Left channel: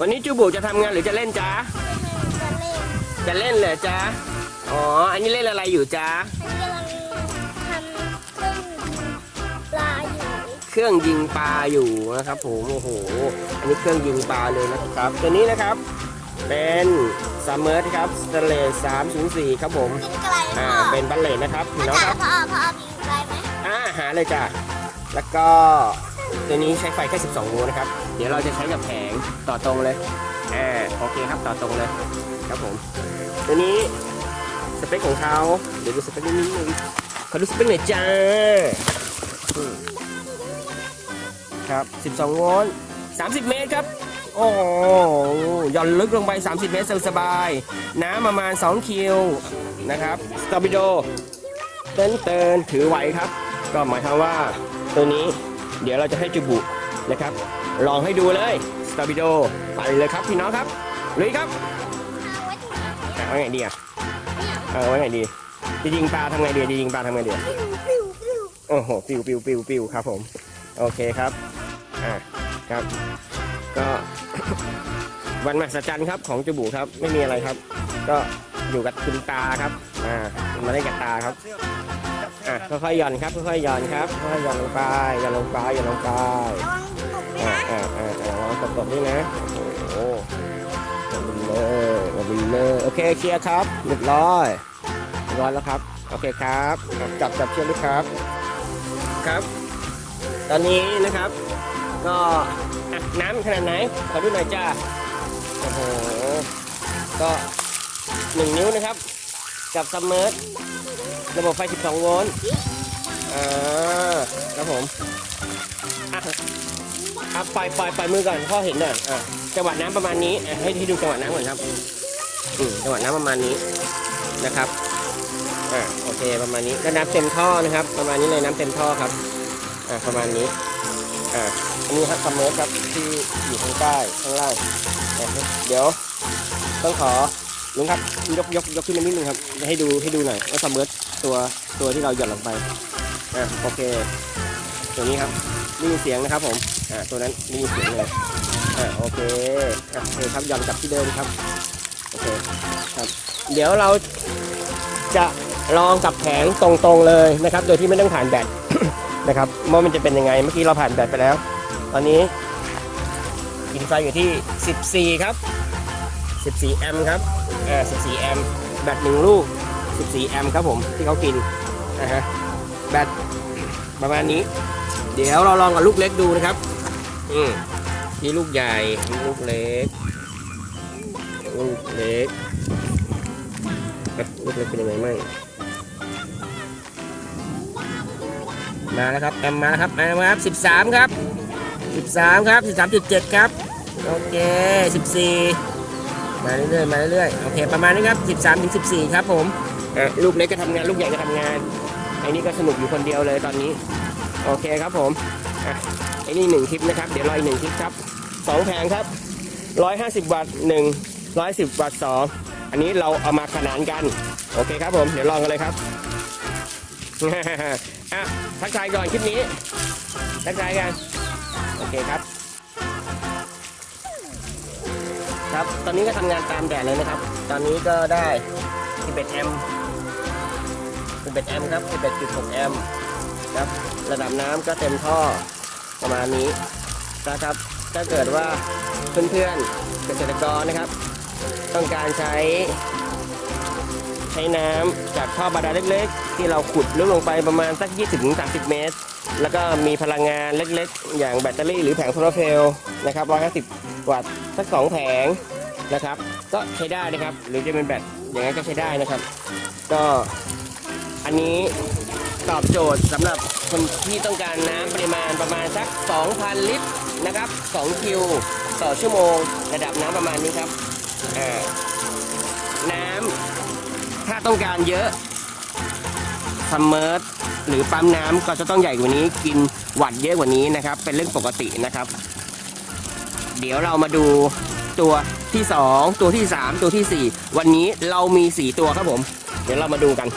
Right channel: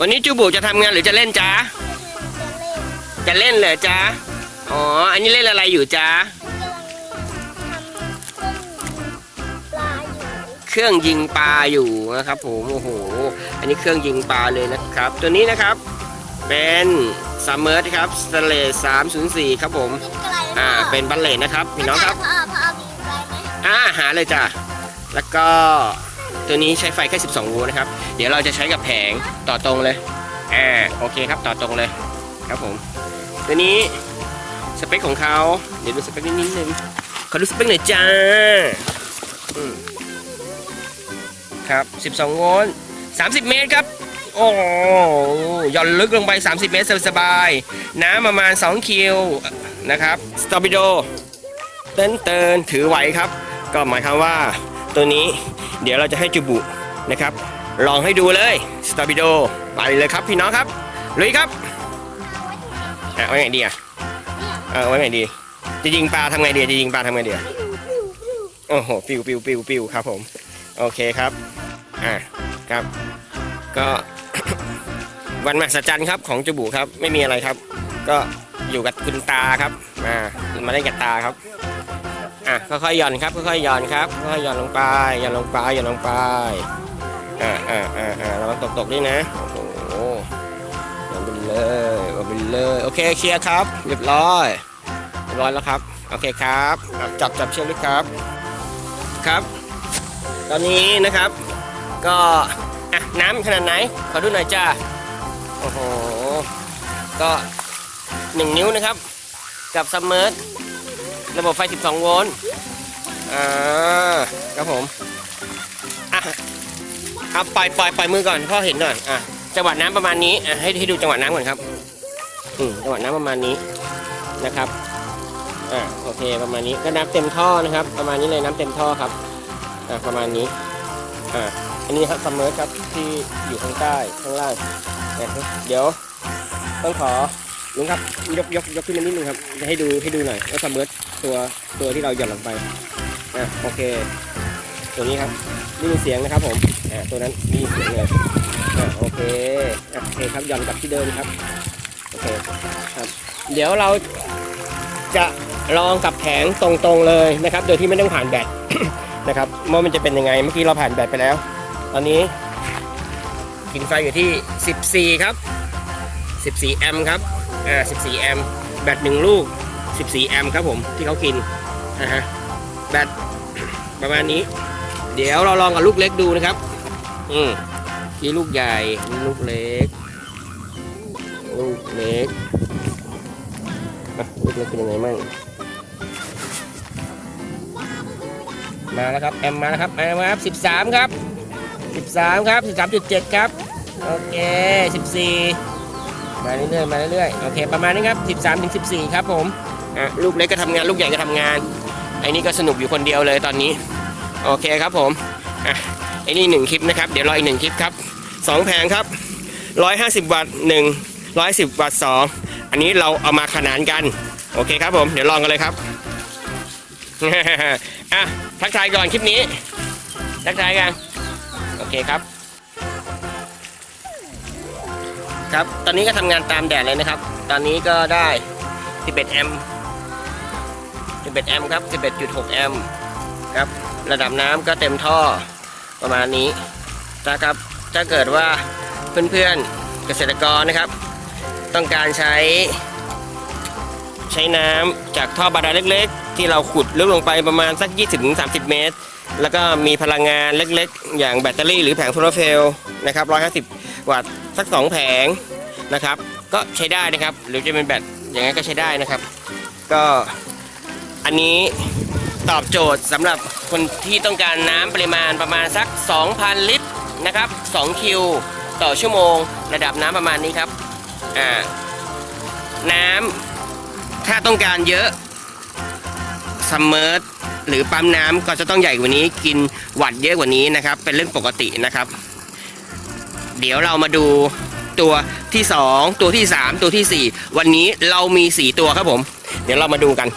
วันนี้จูบุจะทำงานหรือจะเล่นจ๊ะ จะเล่นเหรอจ๊ะ อ๋อ อันนี้เล่นอะไรอยู่จ๊ะ เครื่องยิงปลาอยู่นะครับผมโอ้โห อันนี้เครื่องยิงปลาเลยนะครับ ตัวนี้นะครับ เป็นซัมเมอร์นะครับสเลส304ครับผม อ่า เป็นบัลเลตนะครับพี่น้องครับ อ่าหาเลยจ้ะ แล้วก็ ตัวนี้ใช้ไฟแค่12โวลต์นะครับ เดี๋ยวเราจะใช้กับแผงต่อตรงเลยอ่าโอเคครับต่อตรงเลยครับผมตัวนี้สเปคของเขาเดี๋ยวดูสเปคนิดนึงขอดูสเปคหน่อยจ้าครับ 12 โวลต์ 30 เมตรครับ โอ้ย่อนลึกลงไป 30 เมตรสบายๆ น้ำประมาณ 2 คิวนะครับ สตอปิโดเต้นเตินถือไหวครับ ก็หมายความว่าตัวนี้เดี๋ยวเราจะให้จูบุนะครับ ลองให้ดูเลยสตอปิโดไปเลยครับพี่น้องครับลุยครับอะไว้ไงดีอะเออไว้ไงดีจะยิงปลาทำไงดีจะยิงปลาทำไงดีโอ้โหปิวปิวปิวปิวครับผมโอเคครับอะครับ ก็วันมหัศจรรย์ครับของจูบุครับไม่มีอะไรครับ ก็อยู่กับคุณตาครับอ่ามาได้กับตาครับ ค่อยๆหย่อนครับค่อยๆหย่อนครับค่อยๆหย่อนลงไปหย่อนลงไปหย่อนลงไปอ่าอ่าอ่าอ่าเราตกตกๆนี่นะโอ้เออเออโอเคเคลียร์ครับเรียบร้อยร้อยแล้วครับโอเคครับจับทำชิ้นนะครับครับ ตอนนี้นะครับ ก็อะน้ำขนาดไหนขอดูหน่อยจ้าโอ้โหก็หนึ่งนิ้วนะครับ กับซัมเมอร์ระบบไฟ 12 โวลต์ อ่าครับผมอะเอาปล่อยปล่อยปล่อยมือก่อนพ่อเห็นหน่อยอะจังหวะน้ำประมาณนี้อะให้ให้ดูจังหวะน้ำก่อนครับอืมจังหวะน้ำประมาณนี้นะครับอ่าโอเคประมาณนี้ก็น้ำเต็มท่อนะครับ ประมาณนี้เลยน้ำเต็มท่อครับอ่าประมาณนี้อ่าอันนี้ครับคำเมอร์ครับที่ที่ที่ใต้ข้างล่างนะเดี๋ยวให้ขอยกยกยกขึ้นนิดนึงนะครับให้ดูให้ดูหน่อยว่าคำเมอร์ตัวตัวที่เราจะลงไป ตัวนี้ตัวเสียงนะครับผมตัวนั้นโอเคเดี๋ยวเราจะลองกับแผงตรงๆเลยนะครับ โดยที่ไม่ต้องผ่านแบตนะครับว่ามันจะเป็นยังไงเมื่อกี้เราผ่านแบตไปแล้ว ตอนนี้กินไฟอยู่ที่ 14 ครับ 14 แอมป์ครับอ่า14 แอมป์แบตหนึ่งลูก 14 แอมป์ครับผมที่เขากินนะฮะ นี้เดี๋ยวเราลองกับลูกเล็กดูนะครับอืมนี่ลูกใหญ่ลูกเล็กลูกเล็กครับเป็นยังไงบ้างมาแล้วครับแอมมาครับมาแล้วครับ13ครับ13ครับ13.7ครับโอเค14มาเรื่อยๆมาเรื่อยๆโอเคประมาณนี้ครับ13ถึง14ครับผมลูกเล็กก็ทำงานลูกใหญ่ก็ทำงานไอ้นี่ก็สนุกอยู่คนเดียวเลยตอนนี้ โอเคครับผมอะไอ้นี่หนึ่งคลิปนะครับ เดี๋ยวรออีกหนึ่งคลิปครับสองแผงครับ150วัตต์หนึ่ง110วัตต์สองอันนี้เราเอามาขนานกัน โอเคครับผม เดี๋ยวลองกันเลยครับ อะทักทายก่อนคลิปนี้ ทักทายกัน โอเคครับ ครับ ตอนนี้ก็ทำงานตามแดดเลยนะครับ ตอนนี้ก็ได้11แอมป์11แอมป์ครับ11.6แอมป์ ครับ ระดับน้ำก็เต็มท่อประมาณนี้นะครับ ถ้าเกิดว่าเพื่อนๆเกษตรกรนะครับ ต้องการใช้ ใช้น้ำจากท่อบาดาลเล็ก ๆ ที่เราขุดลึกลงไปประมาณสัก 20-30 เมตร แล้วก็มีพลังงานเล็กๆ อย่างแบตเตอรี่หรือแผงโซลาร์เซลล์นะครับ 150 วัตต์สัก 2 แผงนะครับ ก็ใช้ได้นะครับ หรือจะเป็นแบตอย่างนั้นก็ใช้ได้นะครับ ก็อันนี้ ตอบโจทย์สำหรับคนที่ต้องการน้ำปริมาณประมาณสัก 2,000 ลิตรนะครับ2คิวต่อชั่วโมง ระดับน้ำประมาณนี้ครับน้ำถ้าต้องการเยอะซัมเมอร์หรือปั๊มน้ำก็จะต้องใหญ่กว่านี้กินวัตต์เยอะกว่านี้นะครับ เป็นเรื่องปกตินะครับ เดี๋ยวเรามาดูตัวที่ 2 ตัวที่ 3 ตัวทีสี่4 วันนี้เรามี 4 ตัวครับผม เดี๋ยวเรามาดูกัน